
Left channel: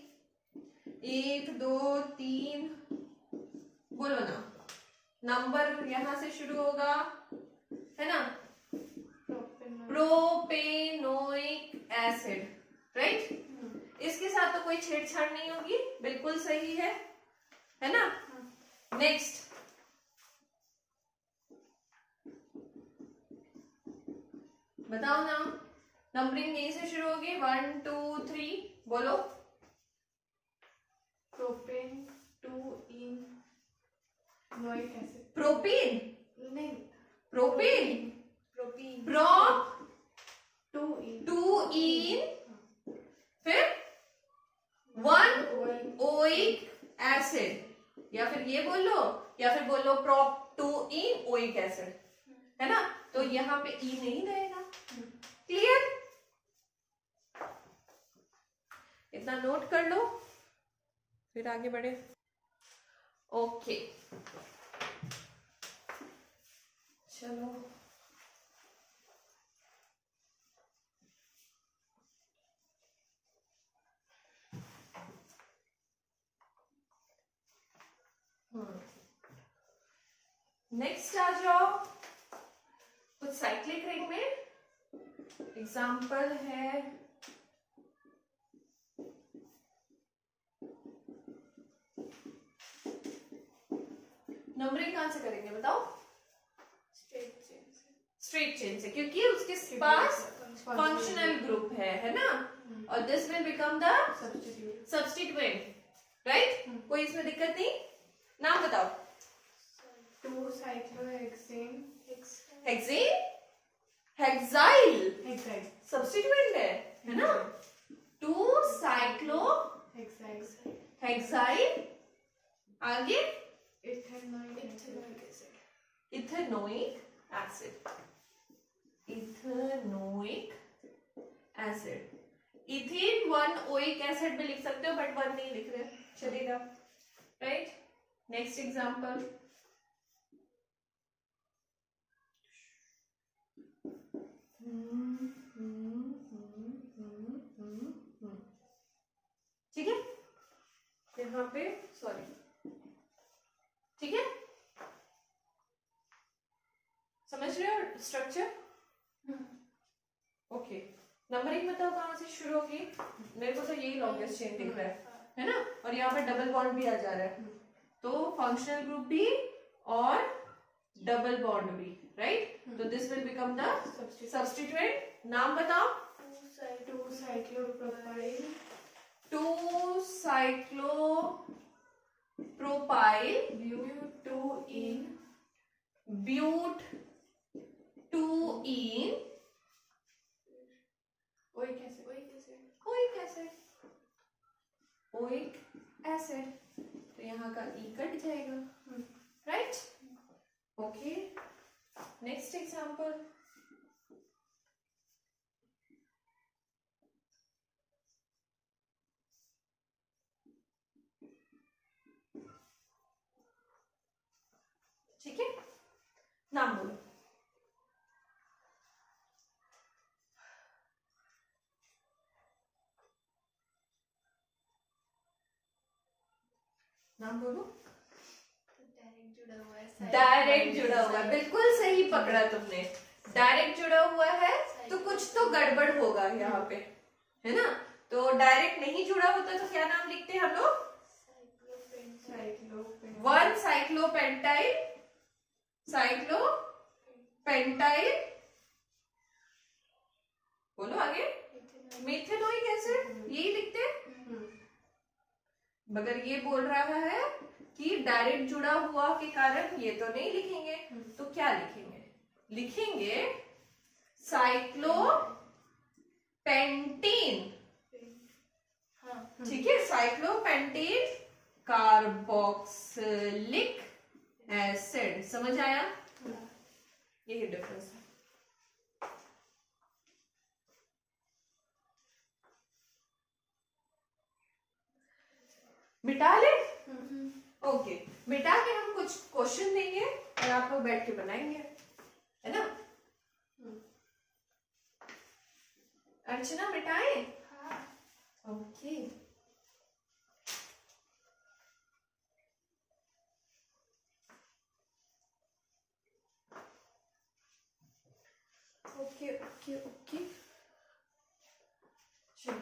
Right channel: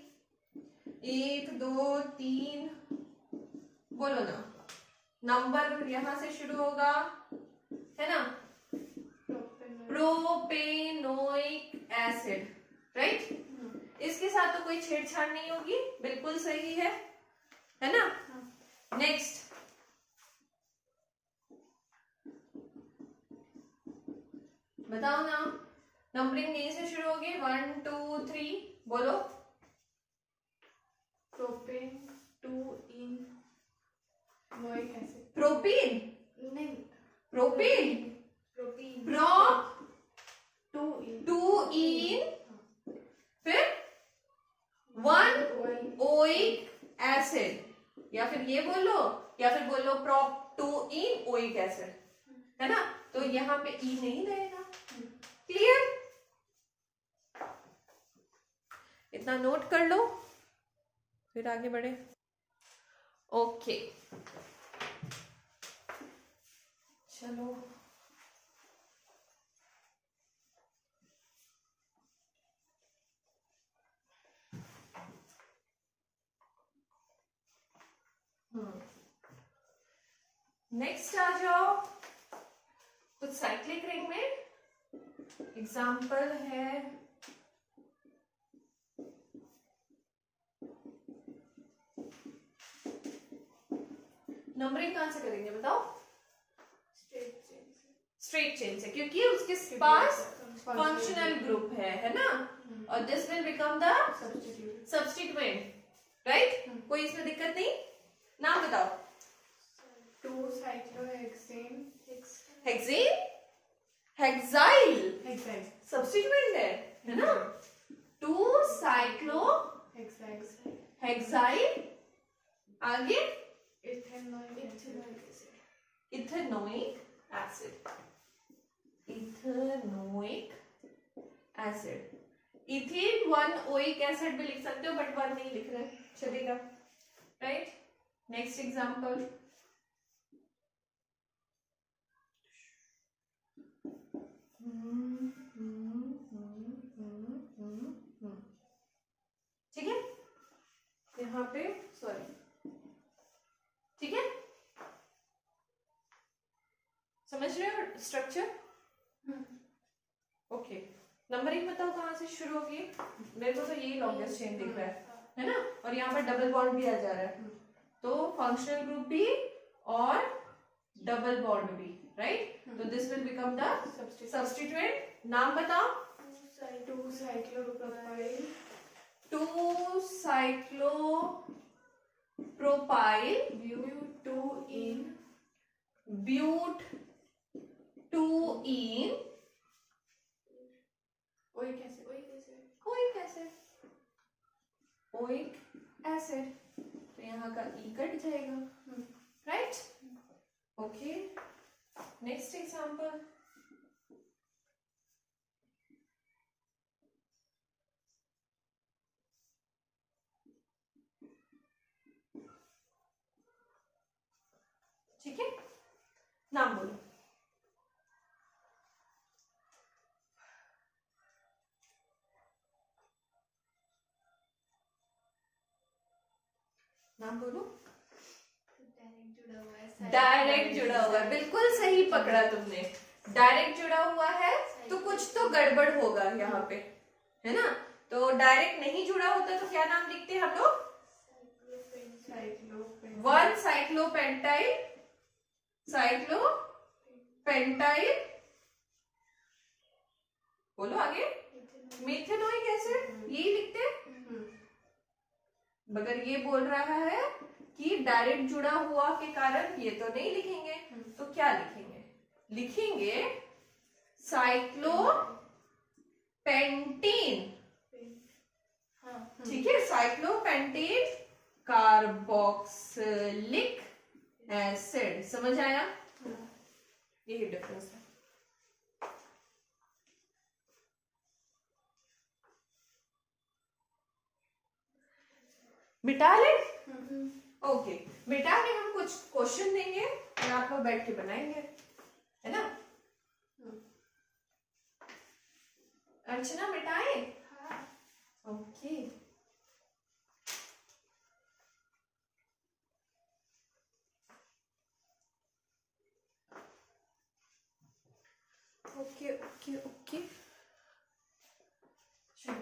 1 2 3 बोलो ना, नंबर यहां से शुरू होगा, है ना, प्रोपेनोइक एसिड, राइट। इसके साथ तो कोई छेड़छाड़ नहीं होगी, बिल्कुल सही है ना। नेक्स्ट, बताओ ना, नंबरिंग ए से शुरू होगी, 1 2 3 बोलो। प्रोपेन 2 इन नोइक एसिड, प्रोपीन नहीं, प्रोपीन प्रोपीन प्रोप 2 इन, फिर 1 ओइक एसिड, या फिर ये बोलो, या फिर बोलो प्रोप 2 इन ओइक एसिड, है ना। तो यहाँ पे ई नहीं रहेगा, क्लियर। इतना नोट कर लो, फिर आगे बढ़े। ओके, चलो नेक्स्ट आ जाओ। साइक्लिक रिंग में एग्जाम्पल है नंबरिंग कहां से करेंगे बताओ? स्ट्रेट चेन से, क्योंकि उसके पास फंक्शनल ग्रुप है ना, और this will become the substituent, right? कोई इसमें दिक्कत नहीं? नाम बताओ। 2 साइक्लोहेक्सेन हेक्सेन, हेक्साइल सब्स्टिट्यूएंट है ना? 2 साइक्लो हेक्साइल, आगे ethanoic acid, ethanoic acid. Ethane 1 oic acid भी लिख सकते हो, बट 1 नहीं लिख रहे, चलेगा, राइट? नेक्स्ट एग्जांपल, ठीक है? यहाँ पे सॉरी, ठीक है? समझ रहे हो स्ट्रक्चर? ओके, नंबरिंग बताओ कहां से शुरू होगी? मेरे को तो यही लॉन्गेस्ट चेन दिख रहा है ना? और यहाँ पर डबल बॉन्ड भी आ जा रहा है, तो फंक्शनल ग्रुप भी और डबल बॉन्ड भी, राइट? तो this will become the substituent. नाम बताओ। 2 cyclopropyl, 2 cyclopropyl, but 2 en oic acid. तो यहाँ का ई कट जाएगा, राइट? ओके, नेक्स्ट एग्जांपल, ठीक है? नाम बोलो। नाम बोलो। डायरेक्ट जुड़ा हुआ है, बिल्कुल सही पकड़ा तुमने। डायरेक्ट जुड़ा हुआ है तो कुछ तो गड़बड़ होगा यहाँ पे, है ना? तो डायरेक्ट नहीं जुड़ा होता तो क्या नाम लिखते हैं हम लोग? 1 साइक्लोपेंटाइल, बोलो आगे, मिथेनोइक एसिड, यही लिखते हैं। मगर ये बोल रहा है कि डायरेक्ट जुड़ा हुआ के कारण ये तो नहीं लिखेंगे, तो क्या लिखेंगे? लिखेंगे साइक्लोपेंटीन, ठीक है? साइक्लोपेंटीन कार्बोक्सिलिक एसिड, समझ आया? यही डिफरेंस है। मिटा ले? ओके, मिटा के हम कुछ क्वेश्चन देंगे और आप लोग बैठ के बनाएंगे, है ना? अर्चना मिटाए? ओके, ओके ओके ओके, चलो।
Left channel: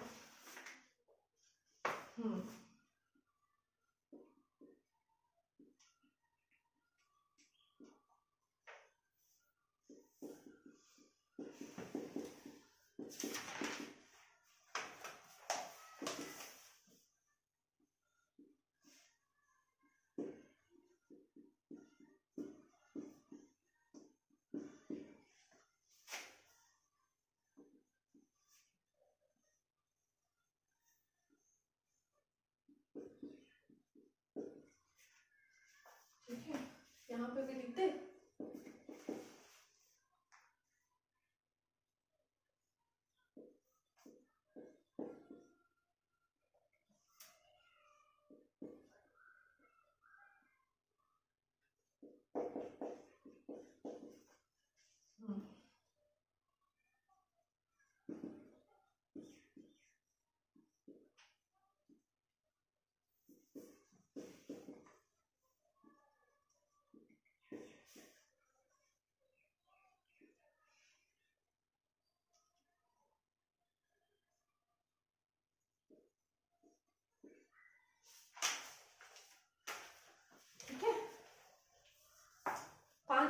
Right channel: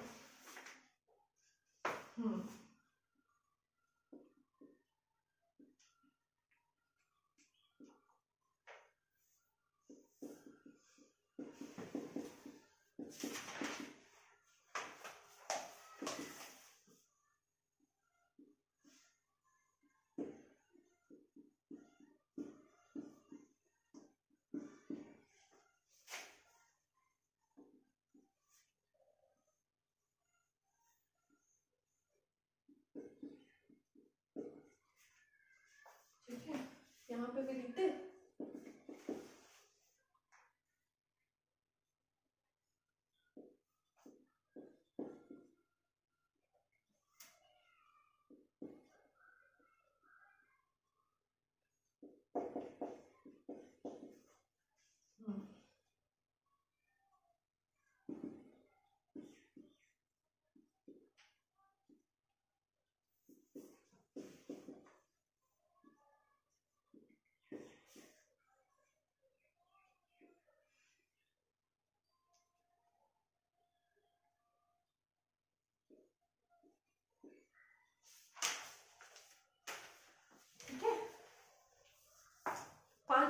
ठीक है, यहाँ पे भी लिख दे।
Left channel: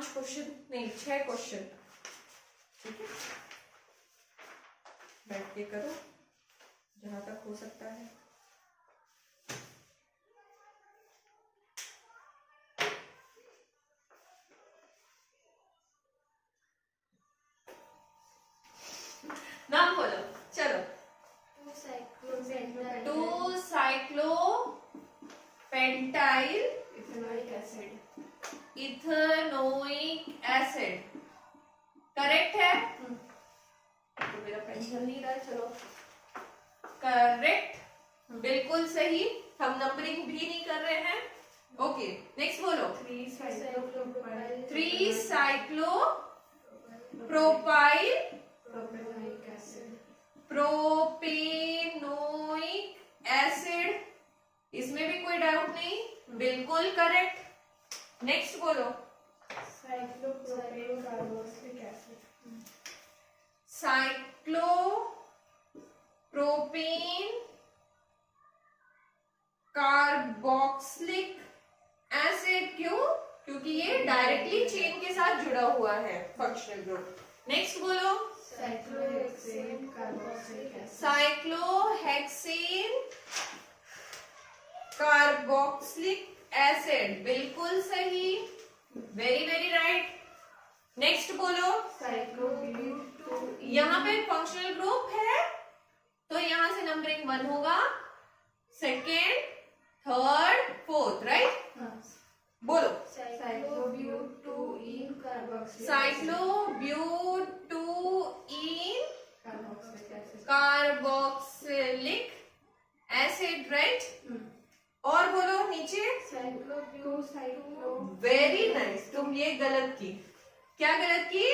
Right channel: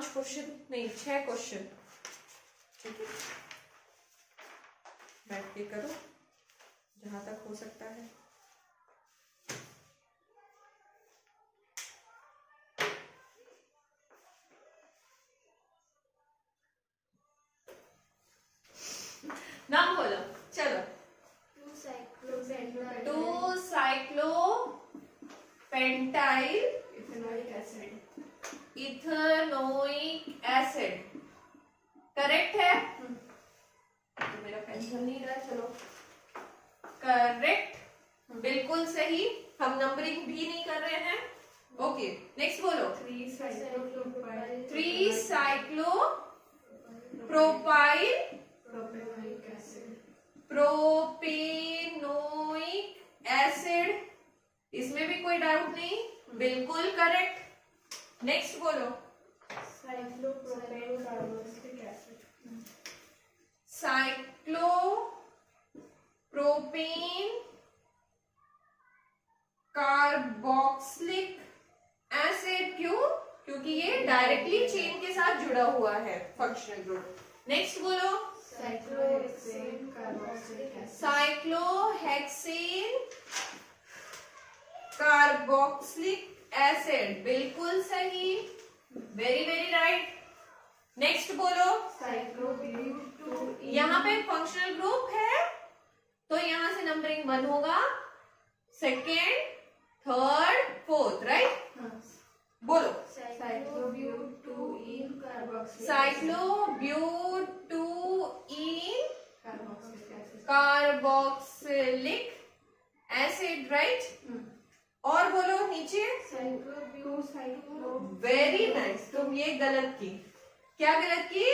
5 क्वेश्चन नहीं 6 क्वेश्चन, ठीक है, बैठ के करो जहां तक हो सकता है। नाम बोलो, चलो। 2 cyclopentyl ethanoic acid. Ethanoic acid, correct है? तो मेरा पेंसिल नहीं रहा, चलो करेक्ट, बिल्कुल सही। हम नंबरिंग भी नहीं कर रहे हैं। ओके, नेक्स्ट बोलो। 3 साइक्लोप्रोपाइल प्रोपेनोइक एसिड, इसमें भी कोई डाउट नहीं, बिल्कुल करेक्ट। नेक्स्ट बोलो। Cyclopropane carboxylic acid. Cyclopropane carboxylic acid, क्यों? क्योंकि ये डायरेक्टली चेन के साथ जुड़ा हुआ है, फंक्शनल ग्रुप। नेक्स्ट बोलो। Cyclohexane carboxylic acid. Cyclohexane carboxylic acid, बिल्कुल सही, वेरी वेरी राइट। नेक्स्ट बोलो। साइक्लोब्यूट। यहाँ पे फंक्शनल ग्रुप है तो यहाँ से नंबरिंग 1 होगा, सेकेंड, थर्ड, फोर्थ, राइट? बोलो। Cyclobutene carboxylic. Cyclobutene carboxylic acid, right? और बोलो नीचे। वेरी नाइस, तुम ये गलत की। क्या गलत की?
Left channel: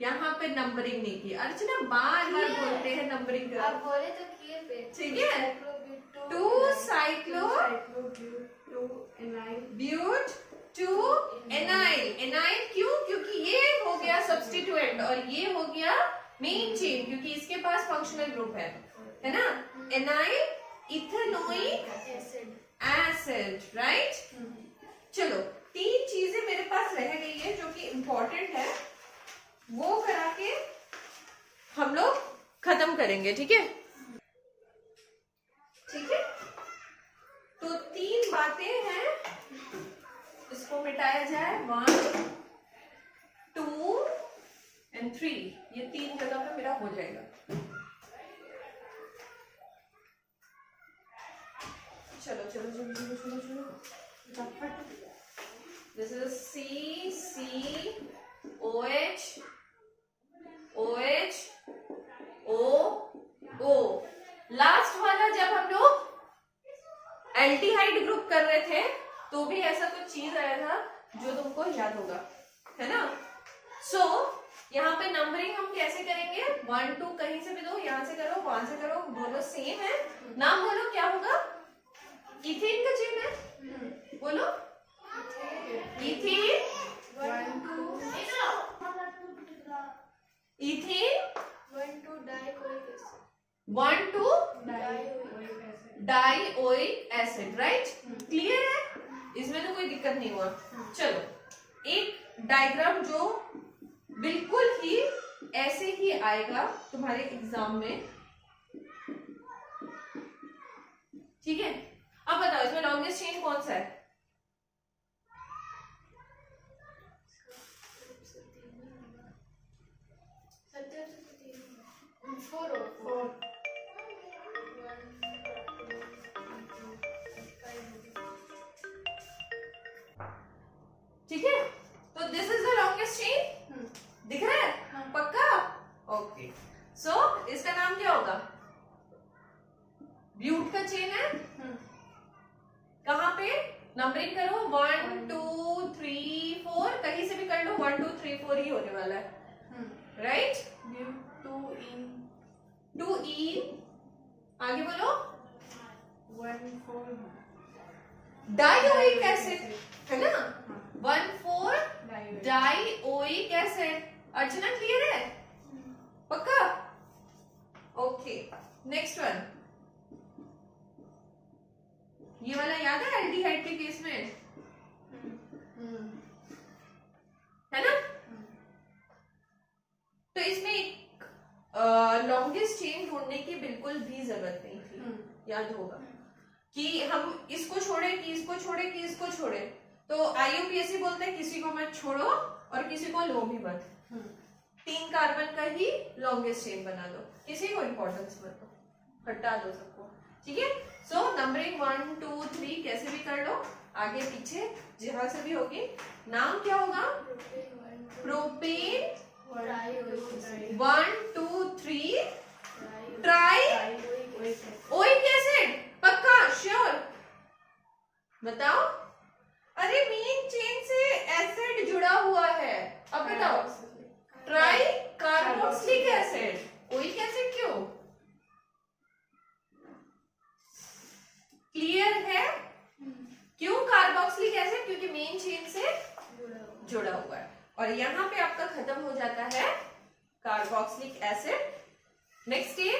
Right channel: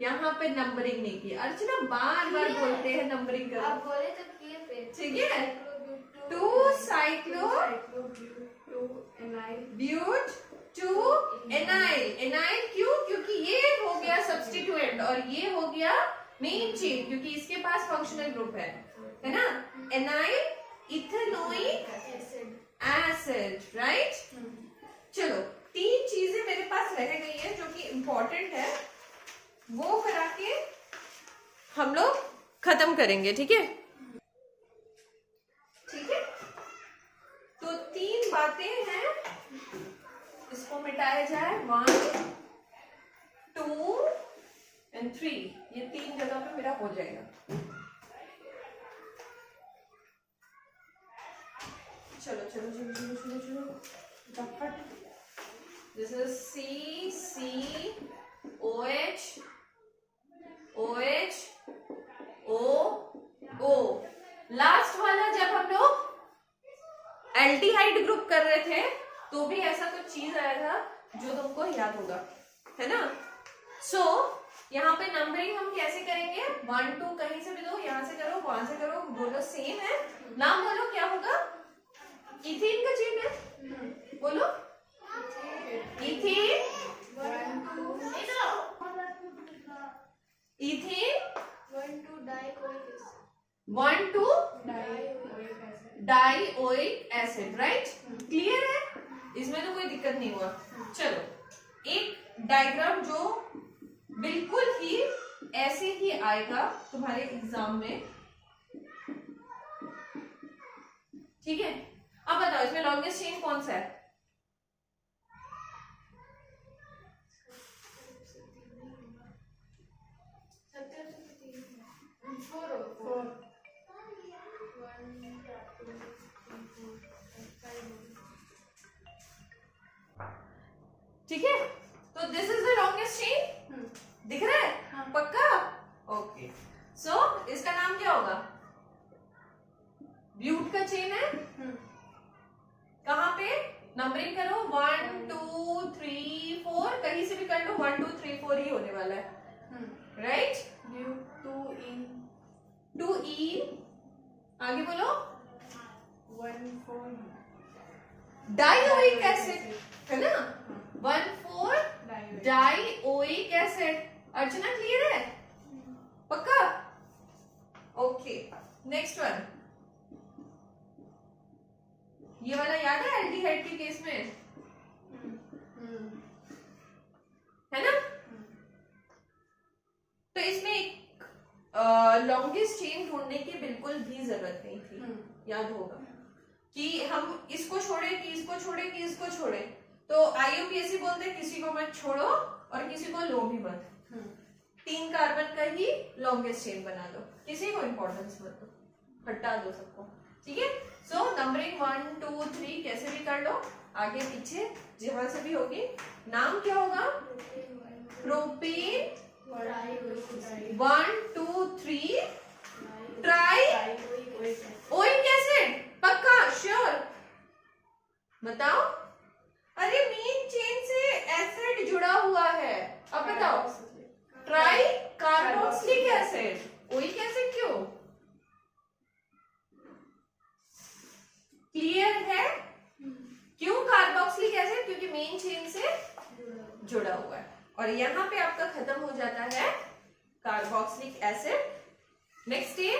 यहाँ पे नंबरिंग नहीं की। अर्चना बार बार बोलते हैं नंबरिंग करो। आप बोले तो किए पे, ठीक है। 2 साइक्लोब्यूट 2 एनाइल। एनाइल क्यों? क्योंकि ये हो गया सब्स्टिट्यूएंट और ये हो गया मेन चेन, क्योंकि इसके पास फंक्शनल ग्रुप है ना? एनाइल इथेनोइक एसिड, राइट? चलो 3 चीजें मेरे पास रह गई है जो कि इंपॉर्टेंट है, वो करा के हम लोग खत्म करेंगे, ठीक है? ठीक है, तो 3 बातें हैं, इसको मिटाया जाए। 1 2 एंड 3, ये 3 जगह पे मेरा हो जाएगा। चलो चलो चलो चलो चलो चलो झटपट। This is CCOH OH O। Last वाला जब हम लोग एल्डिहाइड ग्रुप कर रहे थे तो भी ऐसा कुछ चीज आया था जो तुमको याद होगा, है ना? सो यहाँ पे नंबरिंग हम कैसे करेंगे? 1 2 कहीं से भी दो, यहाँ से करो, वहां से करो, दोनों सेम है। नाम बोलो, क्या होगा? इथेन का चेन है, बोलो। Ethane 1 2 dioic acid, right? Clear है, इसमें तो कोई दिक्कत नहीं हुआ। चलो एक डायग्राम जो बिल्कुल ही ऐसे ही आएगा तुम्हारे एग्जाम में, ठीक है? अब बताओ इसमें लॉन्गेस्ट चेन कौन सा है? ठीक है, तो this is the longest chain, दिख रहा है? पक्का? ओके, सो इसका नाम क्या होगा? ब्यूट का चेन है। कहां पे? नंबरिंग करो, 1 2 3 4, कहीं से भी कर लो, 1 2 3 4 ही होने वाला है, राइट? 2 इन, आगे बोलो। 1 4 डाइओइक एसिड, है ना? 1 4 डाइओइक एसिड। अर्चना क्लियर है? पक्का? Okay, next one. ये वाला याद है एल्डिहाइड के केस में? है ना। तो इसमें एक लॉन्गेस्ट चेन ढूंढने की बिल्कुल भी जरूरत नहीं थी, याद होगा कि हम इसको छोड़े कि इसको छोड़े कि इसको छोड़े। तो IUPAC बोलते हैं किसी को मत छोड़ो और किसी को लो भी मत, 3 कार्बन का ही लॉन्गेस्ट चेन बना दो, किसी को इंपॉर्टेंस मत दो, हटा दो सबको, ठीक है। सो नंबरिंग 1 2 3 कैसे भी कर लो, आगे पीछे जहां से भी होगी। नाम क्या होगा, प्रोपेन 1 2 3 ट्राई ओइक एसिड, पक्का श्योर बताओ। अरे मेन चेन से एसिड जुड़ा हुआ है, अब बताओ try carboxylic acid, oic acid क्यों, क्लियर है। क्यों कार्बोक्सिलिक एसिड, क्योंकि मेन चेन से जुड़ा हुआ है। और यहां पे आपका खत्म हो जाता है कार्बोक्सिलिक एसिड। Next is